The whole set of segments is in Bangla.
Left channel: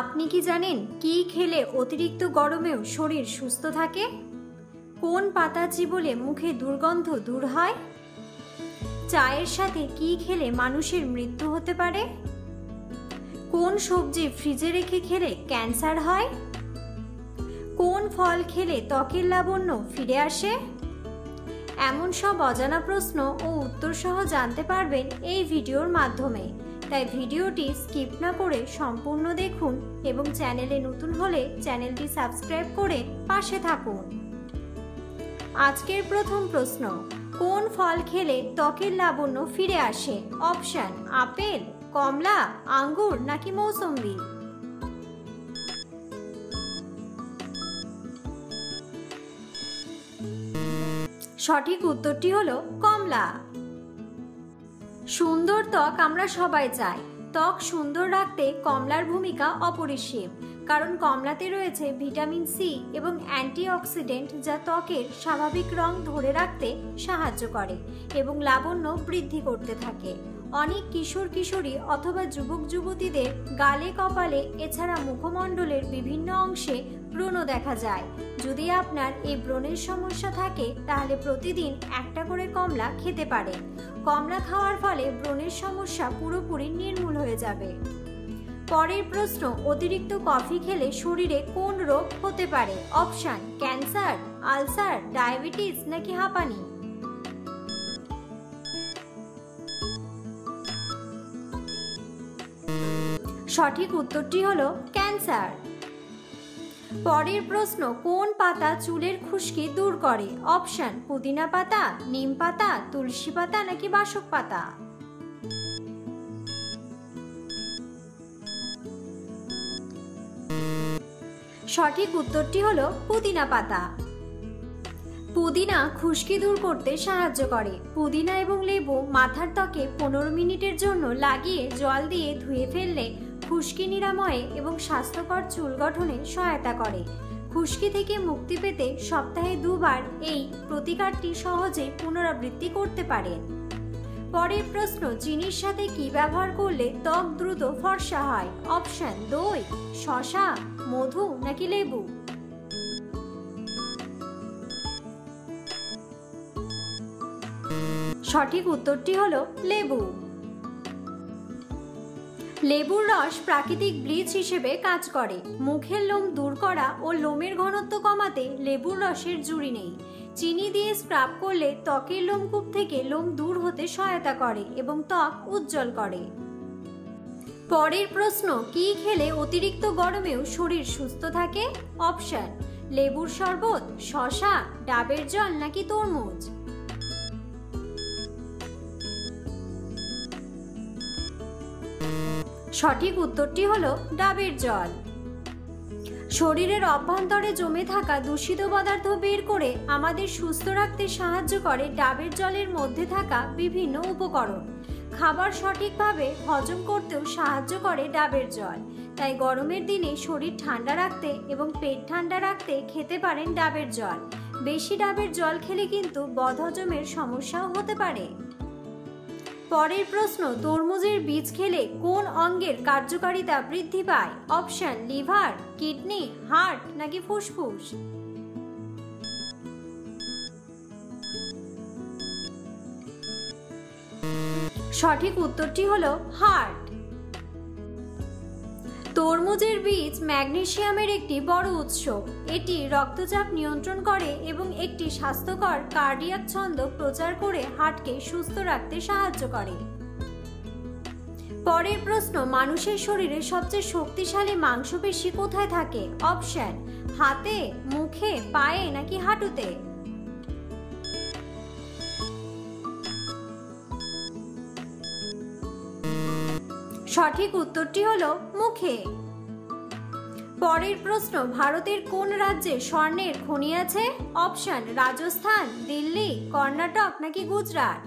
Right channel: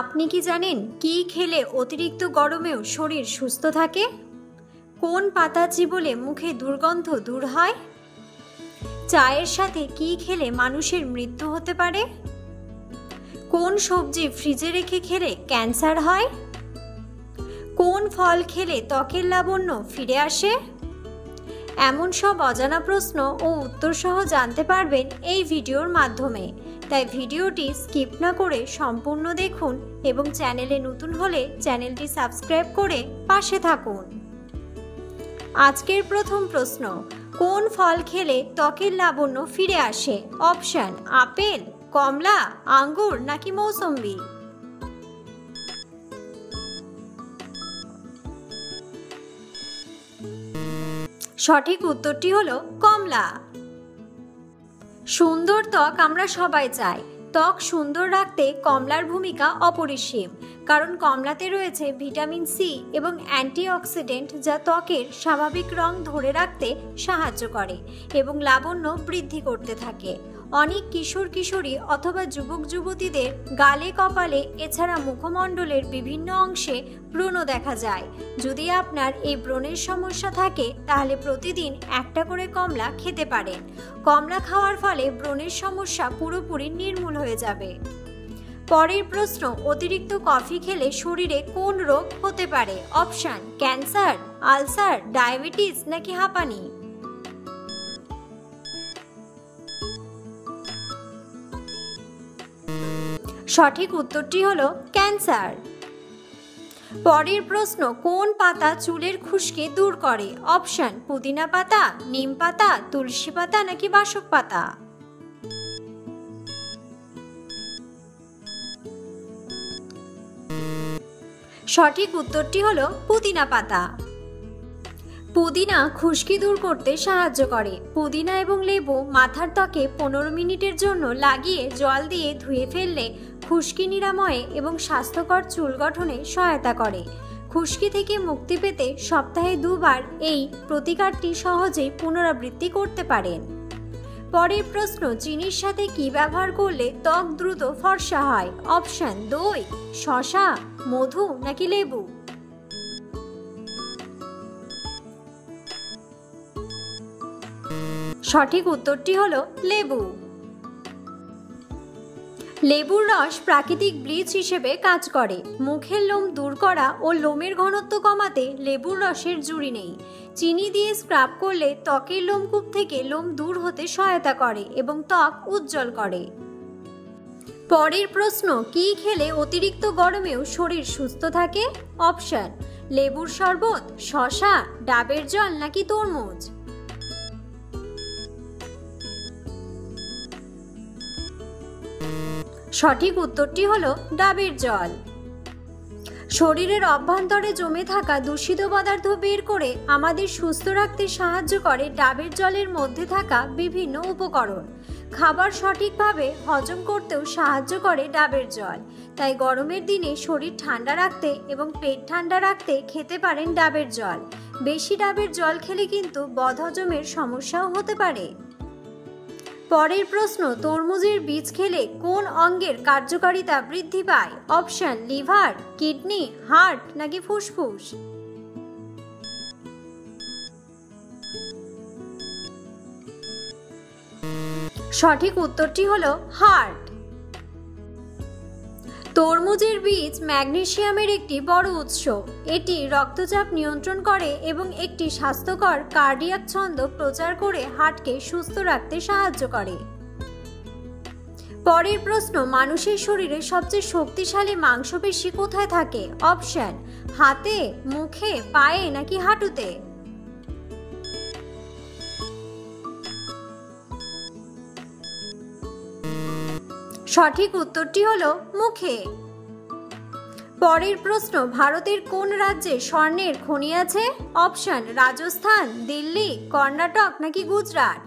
আপনি কি জানেন কি খেলে অতিরিক্ত গরমেও শরীর সুস্থ থাকে? কোন পাতা চিবোলে মুখে দুর্গন্ধ দূর হয়? চায়ের সাথে কি খেলে মানুষের মৃত্যু হতে পারে? কোন সবজি ফ্রিজে রেখে খেলে ক্যান্সার হয়? কোন ফল খেলে ত্বকের লাবণ্য ফিরে আসে? এমন সব অজানা প্রশ্ন ও উত্তর সহ জানতে পারবেন এই ভিডিওর মাধ্যমে। তাই ভিডিওটি স্কিপ না করে সম্পূর্ণ দেখুন এবং চ্যানেলে নতুন হলে চ্যানেলটি সাবস্ক্রাইব করে পাশে থাকুন। আজকের প্রথম প্রশ্ন, কোন ফল খেলে ত্বকের লাবণ্য ফিরে আসে? অপশন: আপেল, কমলা, আঙ্গুর নাকি মৌসম্বি? সঠিক উত্তরটি হলো কমলা। সুন্দর ত্বক আমরা সবাই চাই। ত্বক সুন্দর রাখতে কমলার ভূমিকা অপরিসীম, কারণ কমলাতে রয়েছে ভিটামিন সি এবং অ্যান্টিঅক্সিডেন্ট, যা ত্বকের স্বাভাবিক রং ধরে রাখতে সাহায্য করে এবং লাবণ্য বৃদ্ধি করতে থাকে। অনেক কিশোর কিশোরী অথবা যুবক যুবতীদের গালে, কপালে এছাড়া মুখমণ্ডলের বিভিন্ন অংশে ব্রণ দেখা যায়। যদি আপনার এই ব্রণের সমস্যা থাকে তাহলে প্রতিদিন একটা করে কমলা খেতে পারেন। কমলা খাওয়ার ফলে ব্রণের সমস্যা পুরোপুরি নির্মূল হয়ে যাবে। পরের প্রশ্ন, অতিরিক্ত কফি খেলে শরীরে কোন রোগ হতে পারে? অপশন: ক্যান্সার, আলসার, ডায়াবেটিস নাকি হাঁপানি? সঠিক উত্তরটি হলো ক্যান্সার। পরের প্রশ্ন, কোন পাতা চুলের খুশকি দূর করে? অপশন: পুদিনা পাতা, নিম পাতা, তুলসী পাতা নাকি বাসক পাতা? সঠিক উত্তরটি হলো পুদিনা পাতা। পুদিনা খুশকি দূর করতে সাহায্য করে। পুদিনা এবং লেবু মাথার ত্বকে 15 মিনিটের জন্য লাগিয়ে জল দিয়ে ধুয়ে ফেললে খুশকি নিরাময়ে এবং স্বাস্থ্যকর চুল গঠনে সহায়তা করে। খুশকি থেকে মুক্তি পেতে সপ্তাহে 2 বার এই প্রতিকারটি সহজেই পুনরাবৃত্তি করতে পারেন। পরের প্রশ্ন, চিনির সাথে কি ব্যবহার করলে ত্বক দ্রুত ফর্সা হয়? অপশন: দই, শসা, মধু নাকি লেবু? সঠিক উত্তরটি হলো লেবু। লেবুর রস প্রাকৃতিক ব্লিচ হিসেবে কাজ করে। মুখের লোম দূর করা ও লোমের ঘনত্ব কমাতে লেবুর রসের জুড়ি নেই। চিনি দিয়ে স্ক্রাব করলে ত্বকের লোমকূপ থেকে লোম দূর হতে সহায়তা করে এবং ত্বক উজ্জ্বল করে। পরের প্রশ্ন, কি খেলে অতিরিক্ত গরমেও শরীর সুস্থ থাকে? অপশন: লেবুর শরবত, শসা, ডাবের জল নাকি তরমুজ? সঠিক উত্তরটি হলো ডাবের জল। শরীরের অভ্যন্তরে জমে থাকা দূষিত পদার্থ বের করে আমাদের সুস্থ রাখতে সাহায্য করে ডাবের জলের মধ্যে থাকা বিভিন্ন উপকরণ। খাবার সঠিকভাবে হজম করতেও সাহায্য করে ডাবের জল। তাই গরমের দিনে শরীর ঠান্ডা রাখতে এবং পেট ঠান্ডা রাখতে খেতে পারেন ডাবের জল। বেশি ডাবের জল খেলে কিন্তু বদহজমের সমস্যাও হতে পারে। পরের প্রশ্ন, তরমুজের বীজ খেলে কোন অঙ্গের কার্যকারিতা বৃদ্ধি পায়? অপশন: লিভার, কিডনি, হার্ট নাকি ফুসফুস? সঠিক উত্তরটি হলো হার্ট। তরমুজের বীজ ম্যাগনেসিয়ামের একটি বড় উৎস। এটি রক্তচাপ নিয়ন্ত্রণ করে এবং একটি স্বাস্থ্যকর কার্ডিয়াক ছন্দ প্রচার করে হার্টকে সুস্থ রাখতে সাহায্য করে। পরের প্রশ্ন, মানুষের শরীরে সবচেয়ে শক্তিশালী মাংসপেশি কোথায় থাকে? অপশন: হাতে, মুখে, পায়ে নাকি হাঁটুতে? সঠিক উত্তরটি হলো মুখে। পরের প্রশ্ন, ভারতের কোন রাজ্যে স্বর্ণের খনি আছে? অপশন: রাজস্থান, দিল্লি, কর্ণাটক নাকি গুজরাট?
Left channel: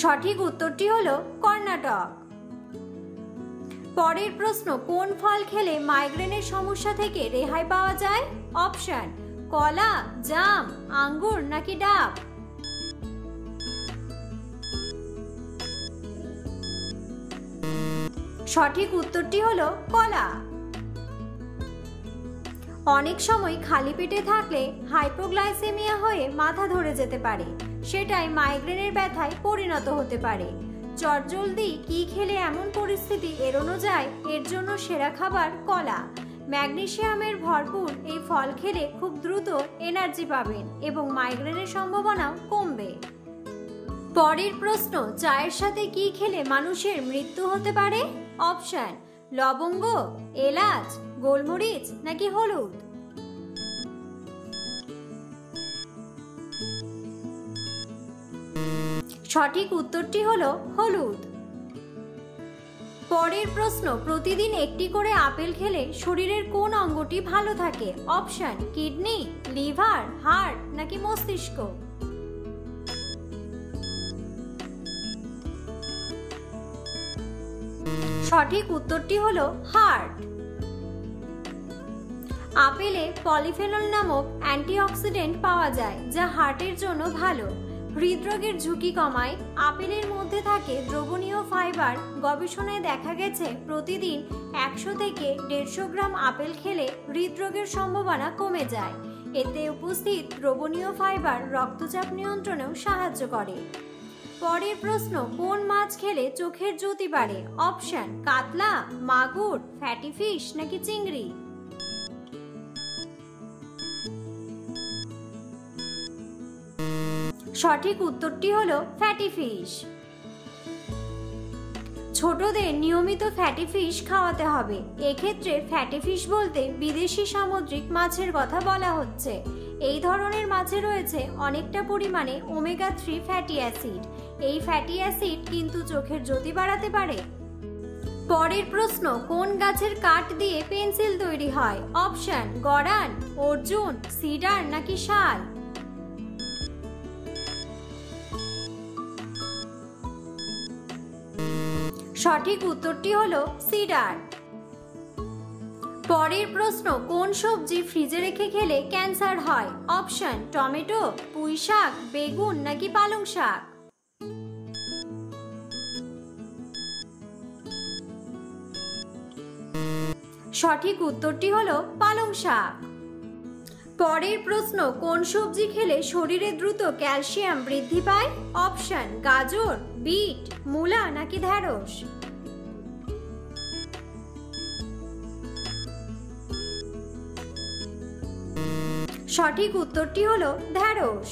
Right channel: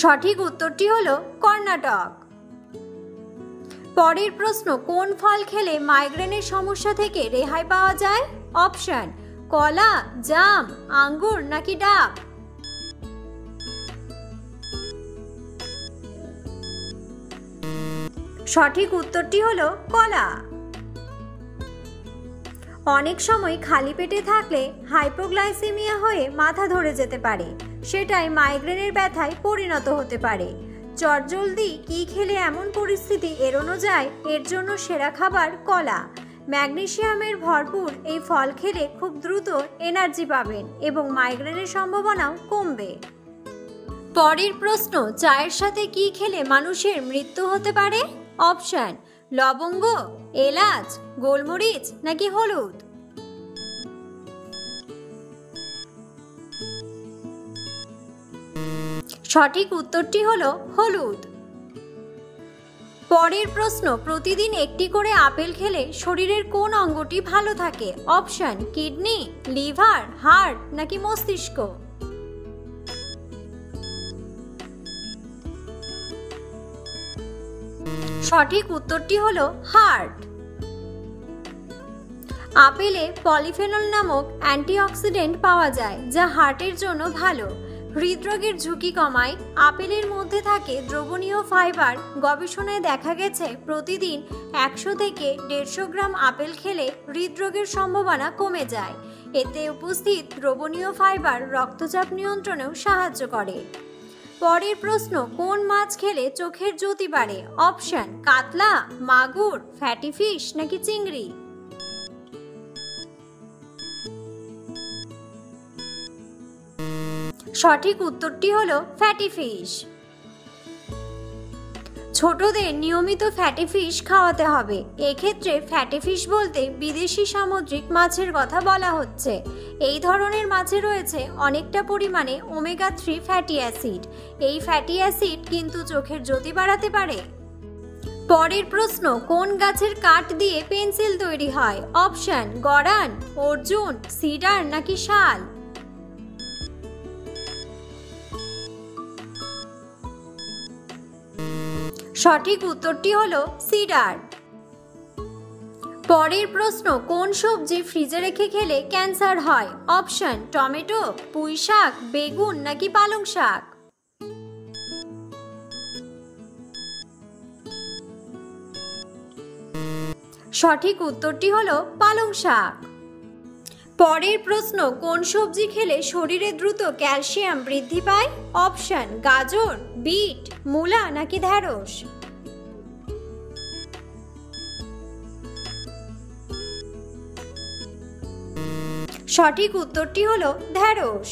সঠিক উত্তরটি হলো কর্ণাটক। পরের প্রশ্ন, কোন ফল খেলে মাইগ্রেনের সমস্যা থেকে রেহাই পাওয়া যায়? অপশন: কলা, জাম, আঙ্গুর নাকি ডাব? সঠিক উত্তরটি হলো কলা। অনেক সময় খালি পেটে থাকলে হাইপোগ্লাইসেমিয়া হয়ে মাথা ধরে যেতে পারে, সেটাই মাইগ্রেনের ব্যথায় পরিণত হতে পারে। চটজলদি কি খেলে এমন পরিস্থিতি এড়ানো যায়, এর জন্য সেরা খাবার কলা। ম্যাগনেসিয়ামের ভরপুর এই ফল খেলে খুব দ্রুত এনার্জি পাবেন এবং মাইগ্রেনের সম্ভাবনাও কমবে। পরের প্রশ্ন, চায়ের সাথে কি খেলে মানুষের মৃত্যু হতে পারে? অপশন: লবঙ্গ, এলাচ, গোলমরিচ নাকি হলুদ। সঠিক উত্তরটি হলো হলুদ। পরের প্রশ্ন, প্রতিদিন একটি করে আপেল খেলে শরীরের কোন অঙ্গটি ভালো থাকে? অপশন: কিডনি, লিভার, হার্ট নাকি মস্তিষ্ক। সঠিক উত্তরটি হলো হার্ট। আপেলে পলিফেনল নামক অ্যান্টিঅক্সিডেন্ট পাওয়া যায়, যা হার্টের জন্য ভালো। হৃদরোগের ঝুঁকি কমায়। আপেলের মধ্যে থাকে দ্রবণীয় ফাইবার। গবেষণায় দেখা গেছে প্রতিদিন 100 থেকে 150 গ্রাম আপেল খেলে হৃদরোগের সম্ভাবনা কমে যায়। এতে উপস্থিত দ্রবণীয় ফাইবার রক্তচাপ নিয়ন্ত্রণেও সাহায্য করে। পরের প্রশ্ন, কোন মাছ খেলে চোখের জ্যোতি বাড়ে? অপশন: কাতলা, মাগুর, ফ্যাটি ফিশ নাকি চিংড়ি। সঠিক উত্তরটি হলো ফ্যাটি ফিশ। ছোটদের নিয়মিত ফ্যাটি ফিশ খাওয়াতে হবে। এক্ষেত্রে ফ্যাটি ফিশ বলতে বিদেশি সামুদ্রিক মাছের কথা বলা হচ্ছে। এই ধরনের মাছে রয়েছে অনেকটা পরিমাণে ওমেগা 3 ফ্যাটি অ্যাসিড। এই ফ্যাটি অ্যাসিড কিন্তু চোখের জ্যোতি বাড়াতে পারে। পরের প্রশ্ন, কোন গাছের কাঠ দিয়ে পেন্সিল তৈরি হয়? অপশন: গড়ান, অর্জুন, সিডার নাকি শাল। সঠিক উত্তরটি হলো সিডার। পরের প্রশ্ন, কোন সবজি ফ্রিজে রেখে খেলে ক্যান্সার হয়? অপশন: টমেটো, পুঁই শাক, বেগুন নাকি পালং শাক। সঠিক উত্তরটি হলো পালং শাক। পরের প্রশ্ন, কোন সবজি খেলে শরীরে দ্রুত ক্যালসিয়াম বৃদ্ধি পায়? অপশন: গাজর, বিট, মূলা নাকি ঢ্যাঁড়স। সঠিক উত্তরটি হলো ঢ্যাঁড়স।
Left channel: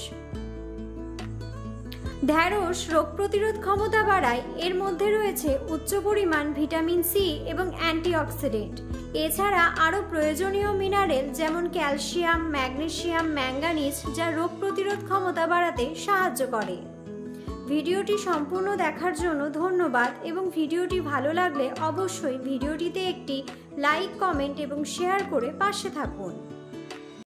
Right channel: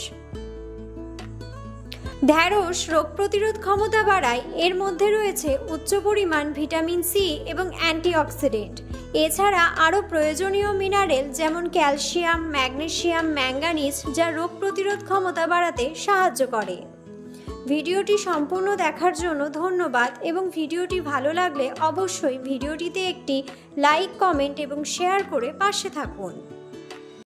ঢ্যাঁড়স রোগ প্রতিরোধ ক্ষমতা বাড়ায়। এর মধ্যে রয়েছে উচ্চ পরিমাণ ভিটামিন সি এবং অ্যান্টিঅক্সিডেন্ট। এছাড়া আরও প্রয়োজনীয় মিনারেল যেমন ক্যালসিয়াম, ম্যাগনেসিয়াম, ম্যাঙ্গানিজ, যা রোগ প্রতিরোধ ক্ষমতা বাড়াতে সাহায্য করে। ভিডিওটি সম্পূর্ণ দেখার জন্য ধন্যবাদ এবং ভিডিওটি ভালো লাগলে অবশ্যই ভিডিওটিতে একটি লাইক, কমেন্ট এবং শেয়ার করে পাশে থাকুন।